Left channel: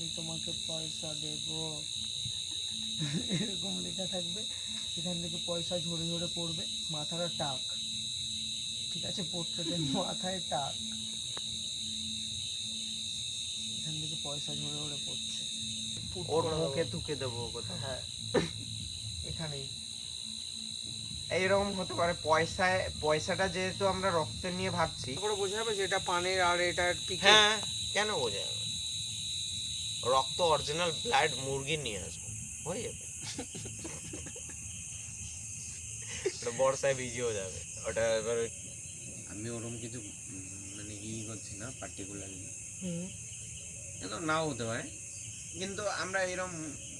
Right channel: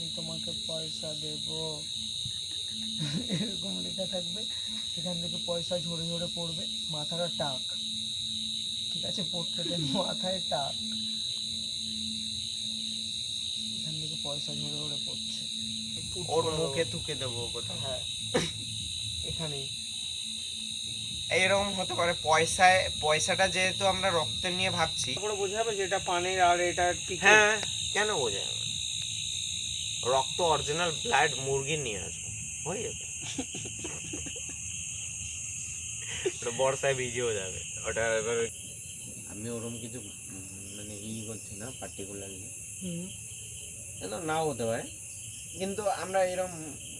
আমি তোমাকে পয়সা দেব, এরকম লেখা থাকবে। এখান থেকে পয়সা ঝরে ঝরে পড়বে, মাথাটা টাক, ঠিক আছে, পোর্ট্রেটের মাথায় টাক, এখান থেকে পয়সা ঝরে ঝরে পড়ছে। ওর মুখে থুকে দেবো কোথায়? হ্যাঁ, এখানেই। এইরকম হতে পারে। পয়সাটা যেহেতু আমরা রক্ত নিয়ে ভাবছি, পুরো বোঝাবে যে এটা পানির আর এটা টিকে। হ্যাঁ, কেন বোঝা যাবে? রক্ত অরিজিনাল ব্লাড মুরগির নিয়ে আসবো, হয়ে যাবে। ওটা বর্ষায় ভিজেও যাবে ওটা। এবার আমি ওরকম কিছু মানে করছি না পার্টিকুলারলি, কিন্তু নাও হতে পারে। কিন্তু আমরা এরকম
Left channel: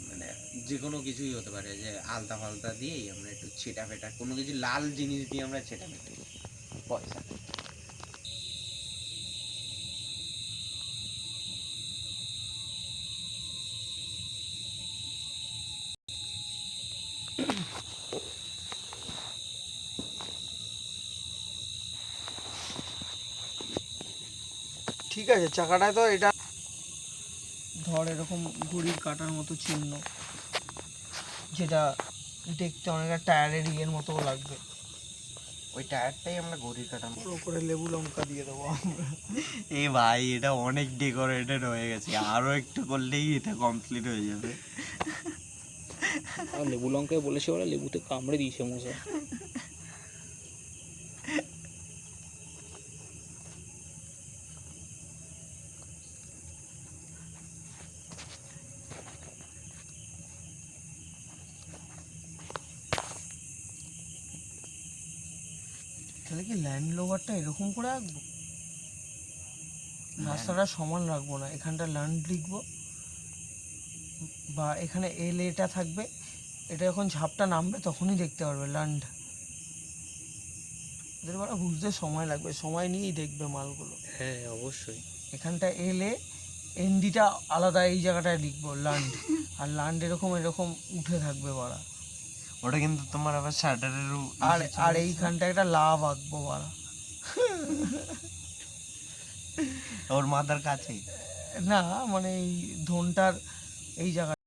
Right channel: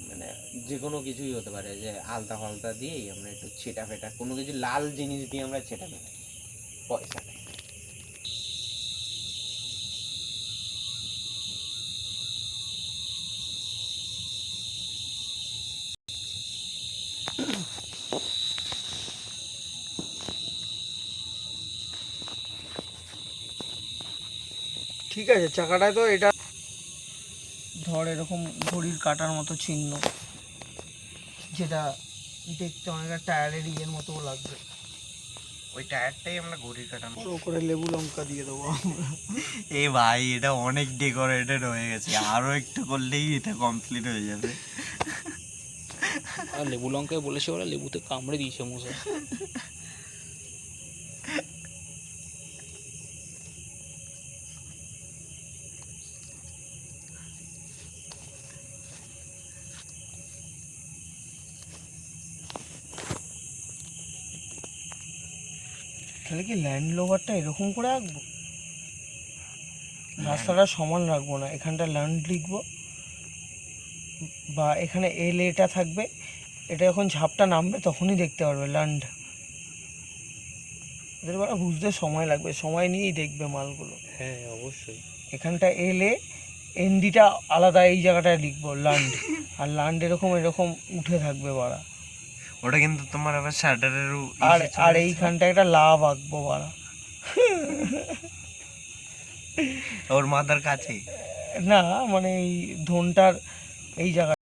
মানে যে কোনো কিছুই হতে পারে, যে আলতা ফালতা দিয়েই আমরা একটু ছেটা ফেটা কোনো কিছু লাল জিনিস দিয়ে আমরা ছেটা ফেটা দিই পয়সা। ঠিক আছে, চাকাটায় তো এটা ধর এরকম ঘড়ির কাটার মতো চিহ্ন, যেটা দেখতে অনেকটা টায়ারের ইয়ের মতো লাগবে। ওই টায়ারটাই আমরা ঘড়ির কাটার মতো ওপরে লেবু লঙ্কা দিয়ে দেবো আমরা। এ ভাই, এটা অনেক ডেকোরেটেড হয়ে গেছে, আরো একটু করলেই এটা কমপ্লিট হয়ে যাবে। আর লেবু লঙ্কায় বলেছে ওরা লেবুতে কামড়ে দিয়েছে মশা। তাহলে কি ল্যান্ড লোভারটা এরকম করে আঁকবো? রাস্তাটা সমান রাখবো না, এখানটা ল্যান্ড লিখবো, বা এখানে এল এটা থাকবে, এটা যখন ঝাপটা নামবে তখনই দেখতে পারবে ল্যান্ড। এদের বড় বুঝতে সময় লাগবে, সময় নিয়েই দেখবে মালগুলো। হ্যাঁ অবশ্যই। এখানটা এলে এনডিটা আলাদা, এই জায়গাটায় লিখবো ল্যান্ড, আর ল্যান্ড এরকম এরকম উঠে থাকবে বাড়া। ওটা কিন্তু তোমার আবার শাটারের আর আর এইখানটা একটা লাভ আঁকবো বাড়া, ওর মাথার কাছে। না মানে এই ধনটার এই জায়গা।